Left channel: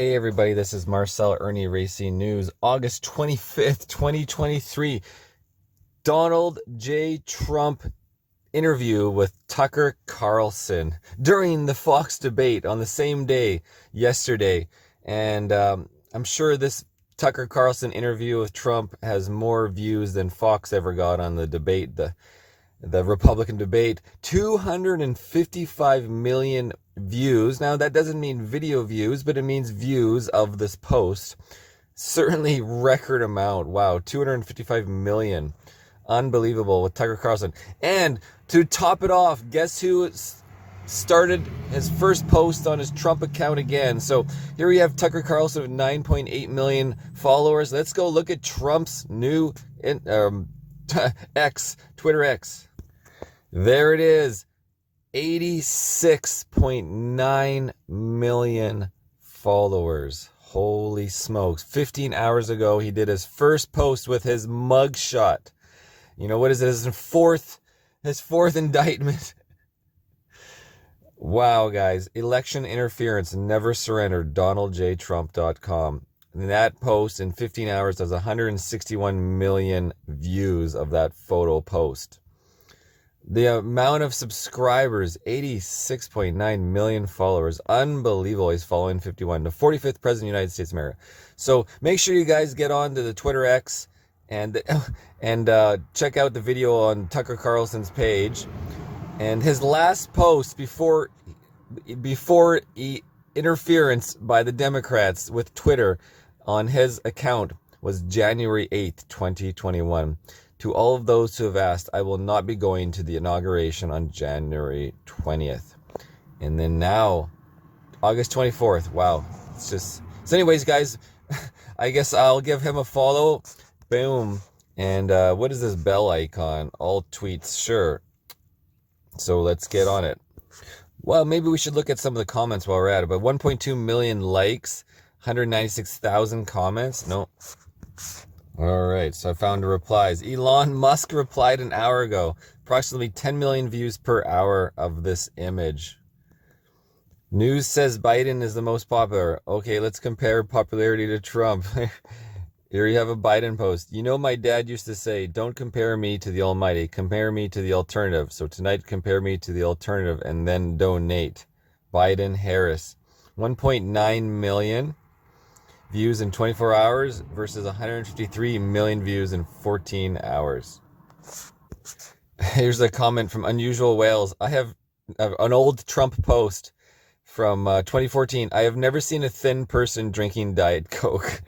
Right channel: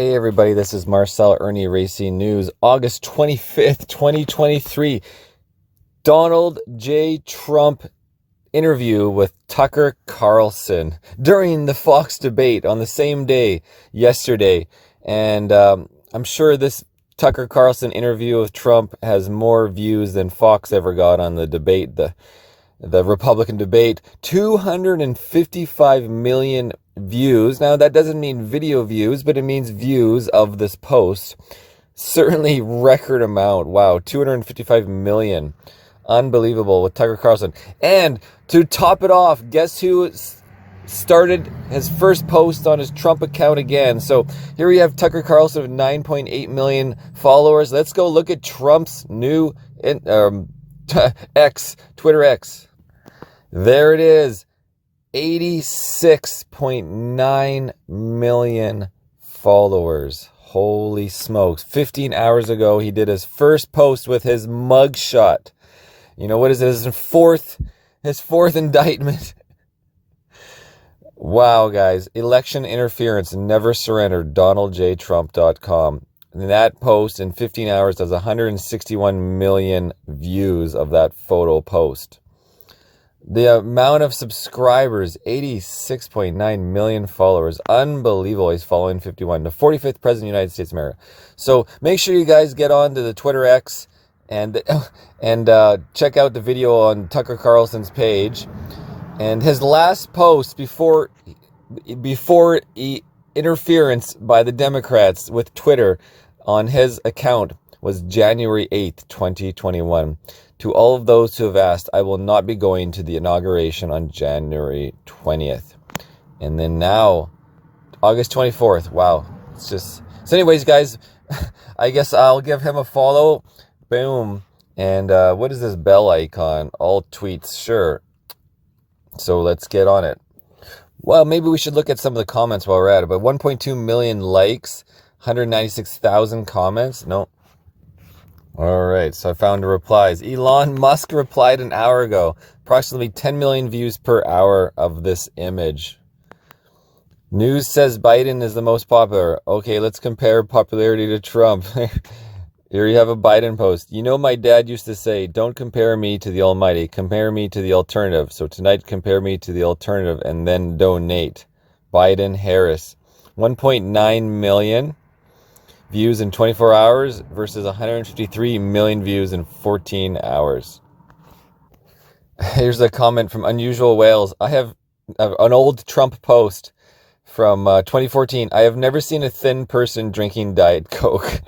Hey everybody, this is Marcel Irnie Racing News, August 25th, 2023. Donald J. Trump interview with Tucker Carlson during the Fox debate on the same day yesterday. And I'm sure this Tucker Carlson interview with Trump has more views than Fox ever got on the debate, the Republican debate. 255 million views. Now that doesn't mean video views, but it means views of this post. Certainly record amount. Wow, 255 million. Unbelievable with Tucker Carlson. And to top it off, guess who started his first post on his Trump account again? So here we have Tucker Carlson with 9.8 million followers. Let's go look at Trump's new X, Twitter X. There it is. 86.9 million followers. Holy smokes. 15 hours ago, he did his first post with his mugshot. You know, what is it? His fourth indictment. Wow, guys. Election interference. Never surrender. DonaldJTrump.com. And that post in 15 hours has 161 million views of that photo post. The amount of subscribers, 86.9 million followers. Unbelievable. He's following 51. The 45th President of the United States of America. So make sure you guys get on to the Twitter X and check out the video on Tucker Carlson's page. And his last post before interference by the Democrats with Twitter on his account was January 8th, 2021. To all of those who have asked, I will not be going to the inauguration on January 20th. And then now, August 24th. Wow. It's just... So anyways, guys, I guess I'll give him a follow. Boom. And what is this bell icon? All tweets. Sure. So let's get on it. Well, maybe we should look at some of the comments while we're at it. But 1.2 million likes, 196,000 comments. Nope. All right, so I found the replies. Elon Musk replied an hour ago. Approximately 10 million views per hour of this image. News says Biden is the most popular. Okay, let's compare popularity to Trump. Here you have a Biden post. You know, my dad used to say, don't compare me to the almighty. Compare me to the alternative. So tonight, compare me to the alternative and then donate. Biden, Harris. 1.9 million views in 24 hours versus 153 million views in 14 hours. Here's a comment from Unusual Wales. I have an old Trump post from 2014. I have never seen a thin person drinking Diet Coke.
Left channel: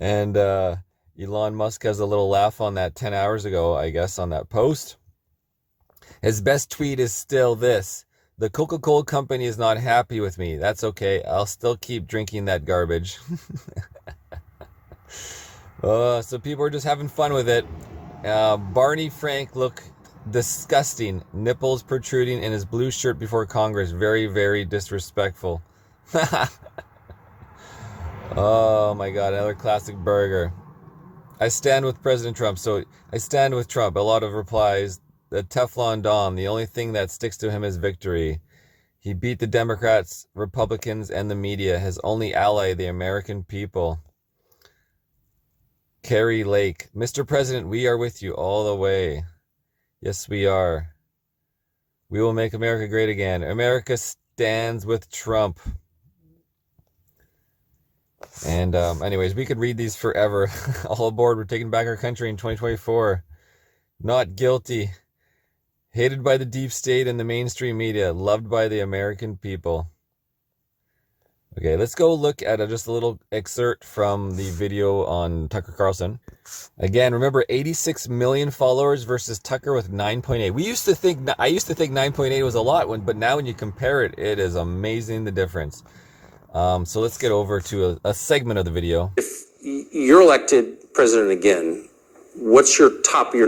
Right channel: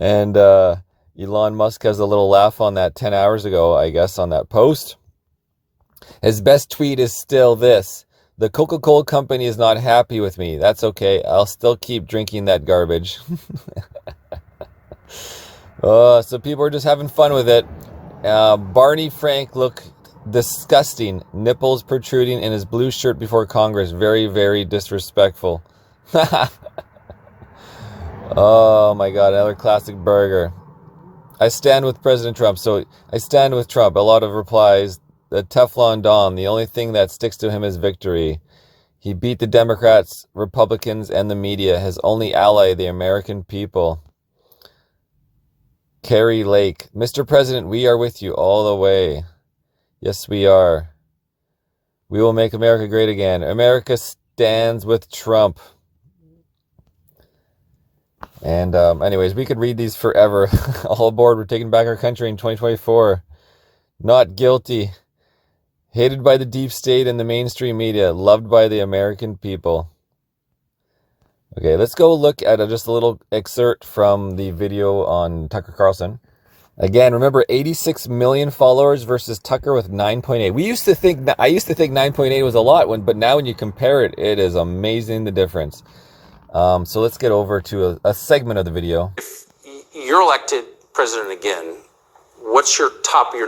And Elon Musk has a little laugh on that 10 hours ago, I guess, on that post. His best tweet is still this. The Coca-Cola company is not happy with me. That's okay. I'll still keep drinking that garbage. So people are just having fun with it. Barney Frank looked disgusting. Nipples protruding in his blue shirt before Congress. Very, very disrespectful. Oh my God, another classic burger. I stand with President Trump. So I stand with Trump. A lot of replies. The Teflon Don, the only thing that sticks to him is victory. He beat the Democrats, Republicans, and the media. His only ally, the American people. Carrie Lake. Mr. President, we are with you all the way. Yes, we are. We will make America great again. America stands with Trump. And anyways, we could read these forever. All aboard, we're taking back our country in 2024. Not guilty. Hated by the deep state and the mainstream media. Loved by the American people. Okay, let's go look at just a little excerpt from the video on Tucker Carlson. Again, remember 86 million followers versus Tucker with 9.8. I used to think 9.8 was a lot, but now when you compare it, it is amazing the difference. So let's get over to a segment of the video. If you're elected president again, what's your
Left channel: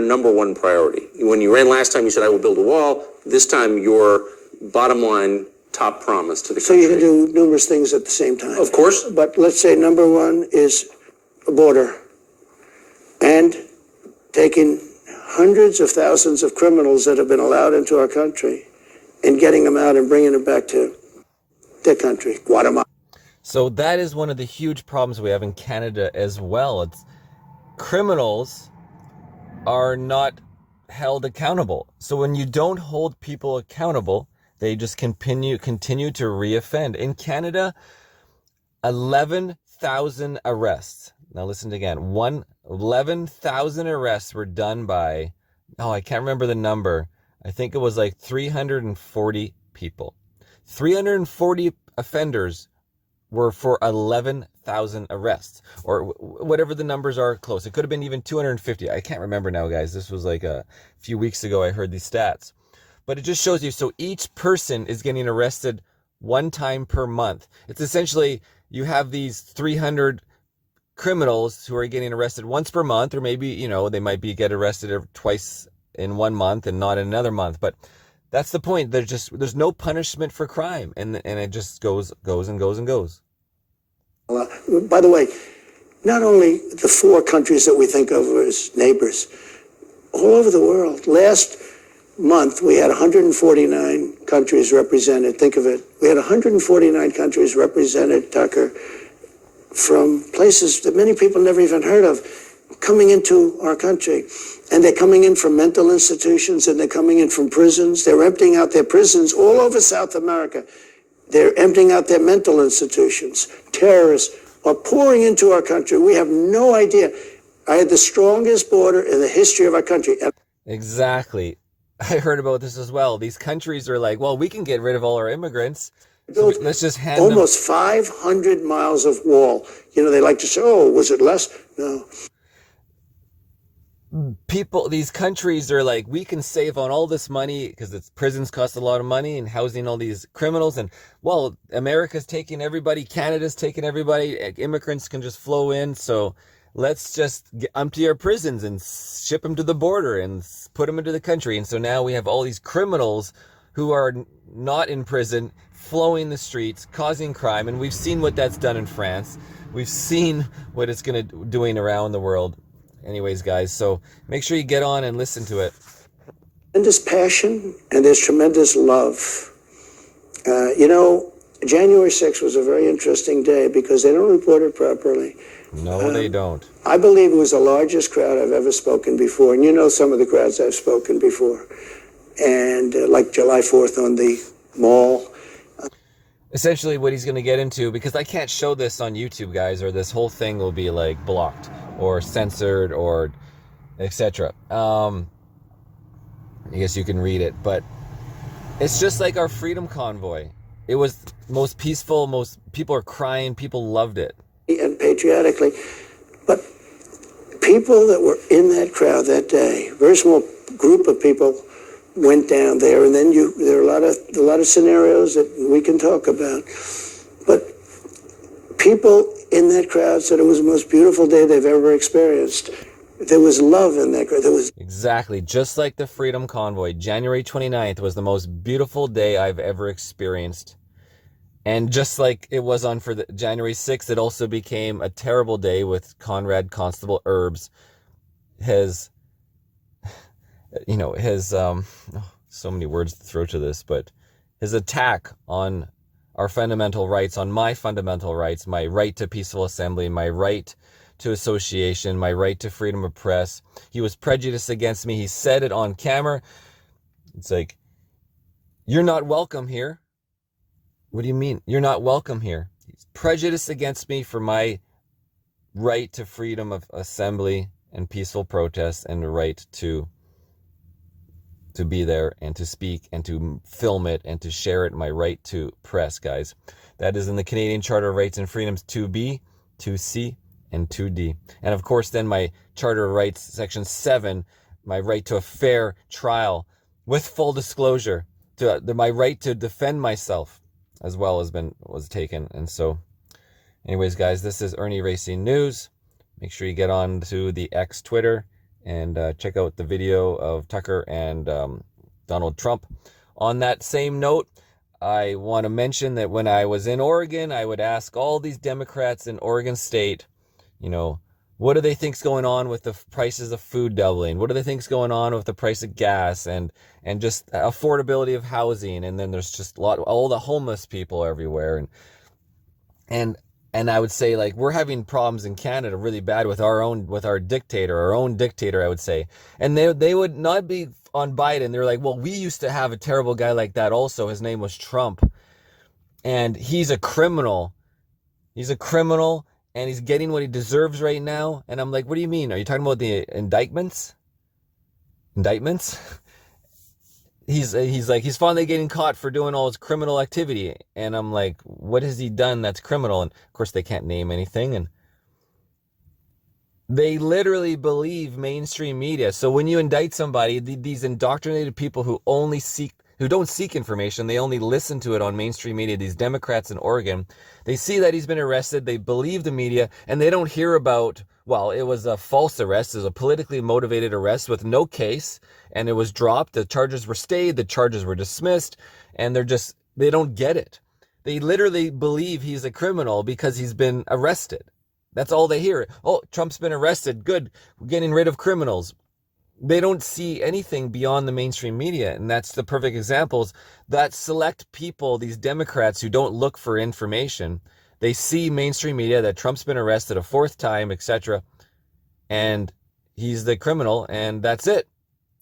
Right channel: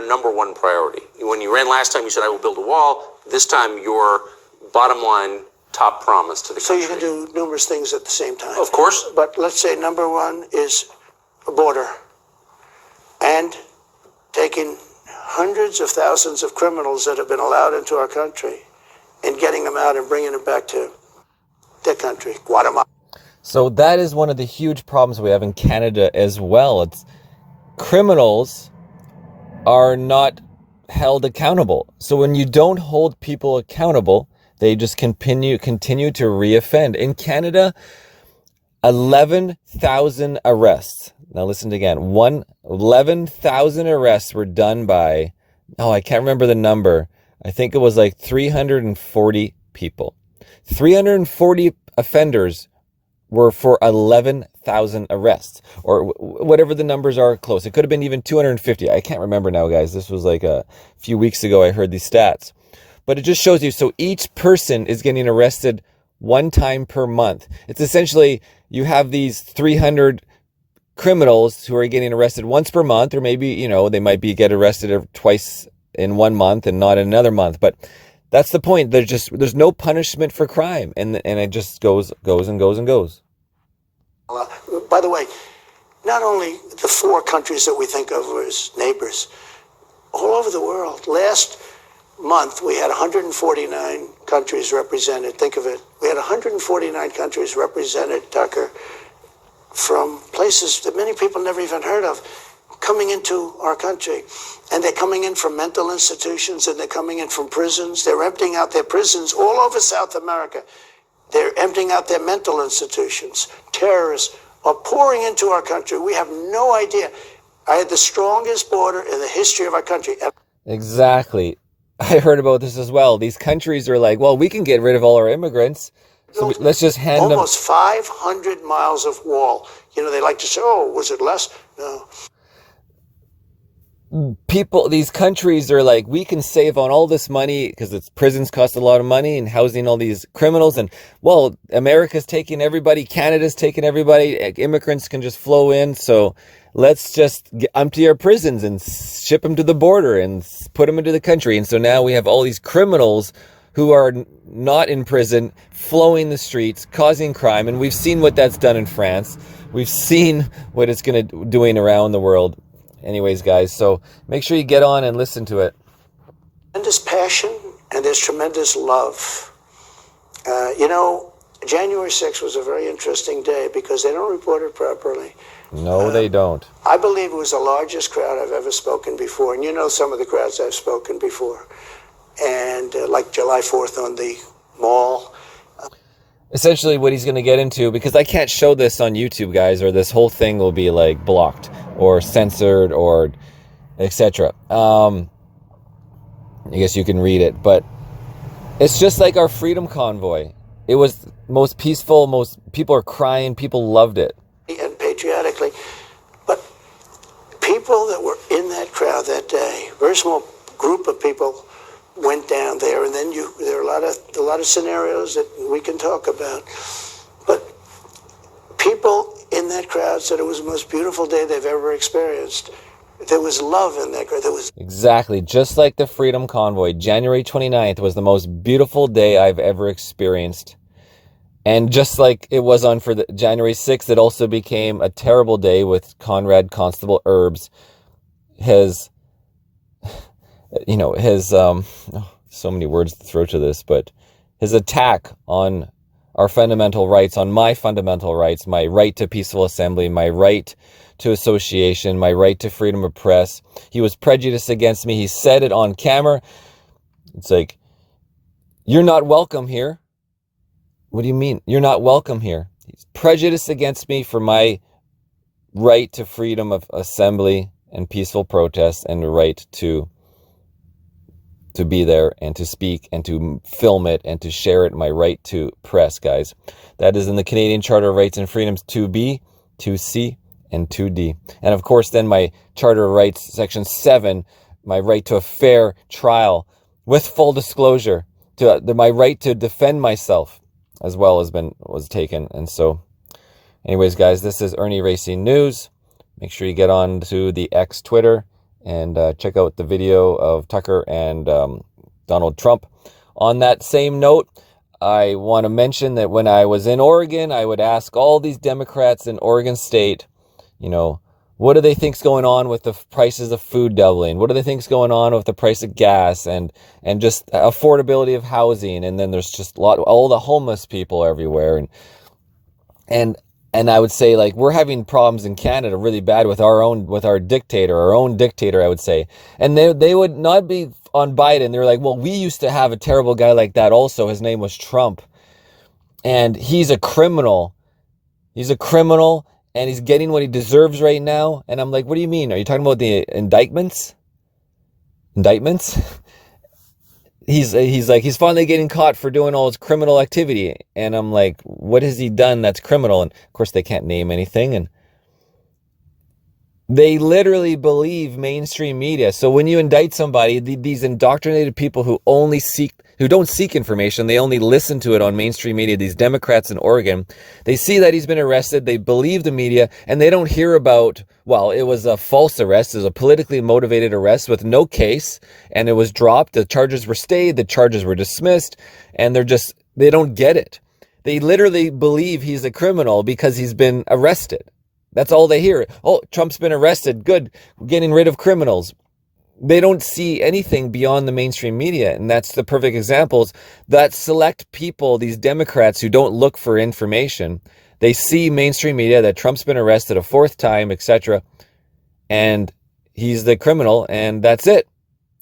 number one priority? When you ran last time, you said, I will build a wall. This time, your bottom line top promise to the country. So you can do numerous things at the same time. Of course. But let's say number one is a border. And taking hundreds of thousands of criminals that have been allowed into our country and getting them out and bringing them back to their country, Guatemala. So that is one of the huge problems we have in Canada as well. It's criminals are not held accountable. So when you don't hold people accountable, they just continue to reoffend. In Canada, 11,000 arrests. Now listen again. 11,000 arrests were done by, I can't remember the number. I think it was like 340 people. 340 offenders were for 11,000 arrests, or whatever the numbers are close. It could have been even 250. I can't remember now, guys. This was like a few weeks ago I heard these stats. But it just shows you, so each person is getting arrested one time per month. It's essentially, you have these 300 criminals who are getting arrested once per month, or maybe, they might get arrested twice in 1 month and not in another month. But that's the point. There's no punishment for crime, and it just goes and goes and goes. By the way, not only the 4 countries that we think of as neighbors, all over the world. Last month, we had 149 countries represented. Think of it. We had 149 countries represented, Tucker, from places that many people never even heard of, coming into our country. And they're coming in from mental institutions, and they're coming in from prisons. They're emptying out their prisons all over South America. They're emptying out their mental institutions. Terrorists are pouring into our country. We have no idea. I had the strongest border in the history of our country. Exactly. I heard about this as well. These countries are like, well, we can get rid of all our immigrants, so let's just hand them almost 500 miles of wall. They like to say, oh, was it less? No. These countries are like, we can save on all this money because prisons cost a lot of money and housing all these criminals. And, well, America's taking everybody, Canada's taking everybody, immigrants can just flow in. So let's just empty our prisons and ship them to the border and put them into the country. And so now we have all these criminals who are not in prison, flowing the streets, causing crime. And we've seen what that's done in France. We've seen what it's doing around the world. Anyways, guys, so make sure you get on and listen to it. Tremendous passion, and there's tremendous love. January 6th was a very interesting day because they don't report it properly. No, they don't. I believe it was the largest crowd I've ever spoken before, and some of the crowds I've spoken before. And like July 4th on the mall. Essentially what he's going to get into, because I can't show this on YouTube, guys, or this whole thing will be like blocked or censored or etc. I guess you can read it, but it's just like our freedom convoy. It was most peaceful, most people are crying, people loved it. And patriotically, but people that were in that crowd that day, very small group of people went down there, and then there are a lot of scenarios that we can talk about. But people in that crowd said it was the most beautiful day they've ever experienced. There was love in that crowd. Exactly, just like the Freedom Convoy. January 29th was the most beautiful day I've ever experienced. And just like it was on for the January 6th, it also became a terrible day with Conrad Constable Erbs. So many words to throw to this, but his attack on our fundamental rights, on my fundamental rights, my right to peaceful assembly, my right to association, my right to freedom of press. He was prejudiced against me. He said it on camera. It's like, you're not welcome here. What do you mean? You're not welcome here. He's prejudiced against me for my right to freedom of assembly and peaceful protest, and the right to be there and to speak and to film it and to share it, my right to press, guys. That is in the Canadian Charter of Rights and Freedoms 2B, 2C, and 2D. And of course, then my Charter of Rights, Section 7, my right to a fair trial with full disclosure, my right to defend myself as well was taken. And so, anyways, guys, this is IrnieracingNews. Make sure you get on to the X Twitter and check out the video of Tucker and Donald Trump. On that same note, I want to mention that when I was in Oregon, I would ask all these Democrats in Oregon State, what do they think's going on with the prices of food doubling? What do they think's going on with the price of gas and just affordability of housing? And then there's just all the homeless people everywhere. And And I would say, like, we're having problems in Canada really bad with our dictator, I would say. And they would not be on Biden. They're like, well, we used to have a terrible guy like that also. His name was Trump. And he's a criminal. He's a criminal, and he's getting what he deserves right now. And I'm like, what do you mean? Are you talking about the indictments? Indictments? He's like, he's finally getting caught for doing all his criminal activity. And I'm like, what has he done that's criminal? And of course they can't name anything. And they literally believe mainstream media. So when you indict somebody, these indoctrinated people who don't seek information, they only listen to it on mainstream media, these Democrats in Oregon, they see that he's been arrested, they believe the media, and they don't hear about, well, it was a false arrest, it was a politically motivated arrest with no case, and it was dropped, the charges were stayed, the charges were dismissed, and they don't get it. They literally believe he's a criminal because he's been arrested. That's all they hear. Oh, Trump's been arrested. Good. We're getting rid of criminals. They don't see anything beyond the mainstream media. And that's the perfect examples. That select people, these Democrats who don't look for information, they see mainstream media that Trump's been arrested a fourth time, etc. And he's the criminal, and that's it.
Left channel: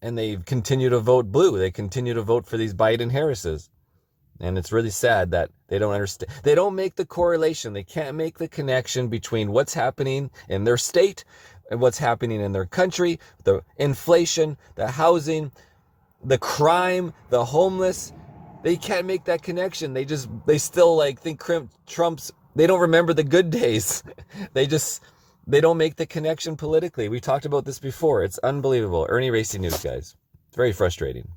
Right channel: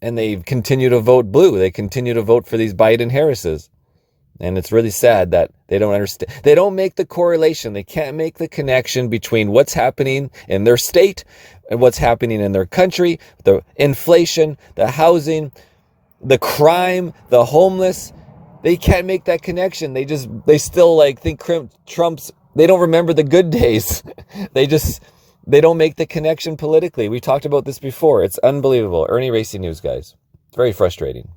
And they continue to vote blue. They continue to vote for these Biden Harrises. And it's really sad that they don't understand. They don't make the correlation. They can't make the connection between what's happening in their state and what's happening in their country, the inflation, the housing, the crime, the homeless. They can't make that connection. They still like think Trump's, they don't remember the good days. They don't make the connection politically. We talked about this before. It's unbelievable. Irnieracing News, guys. It's very frustrating.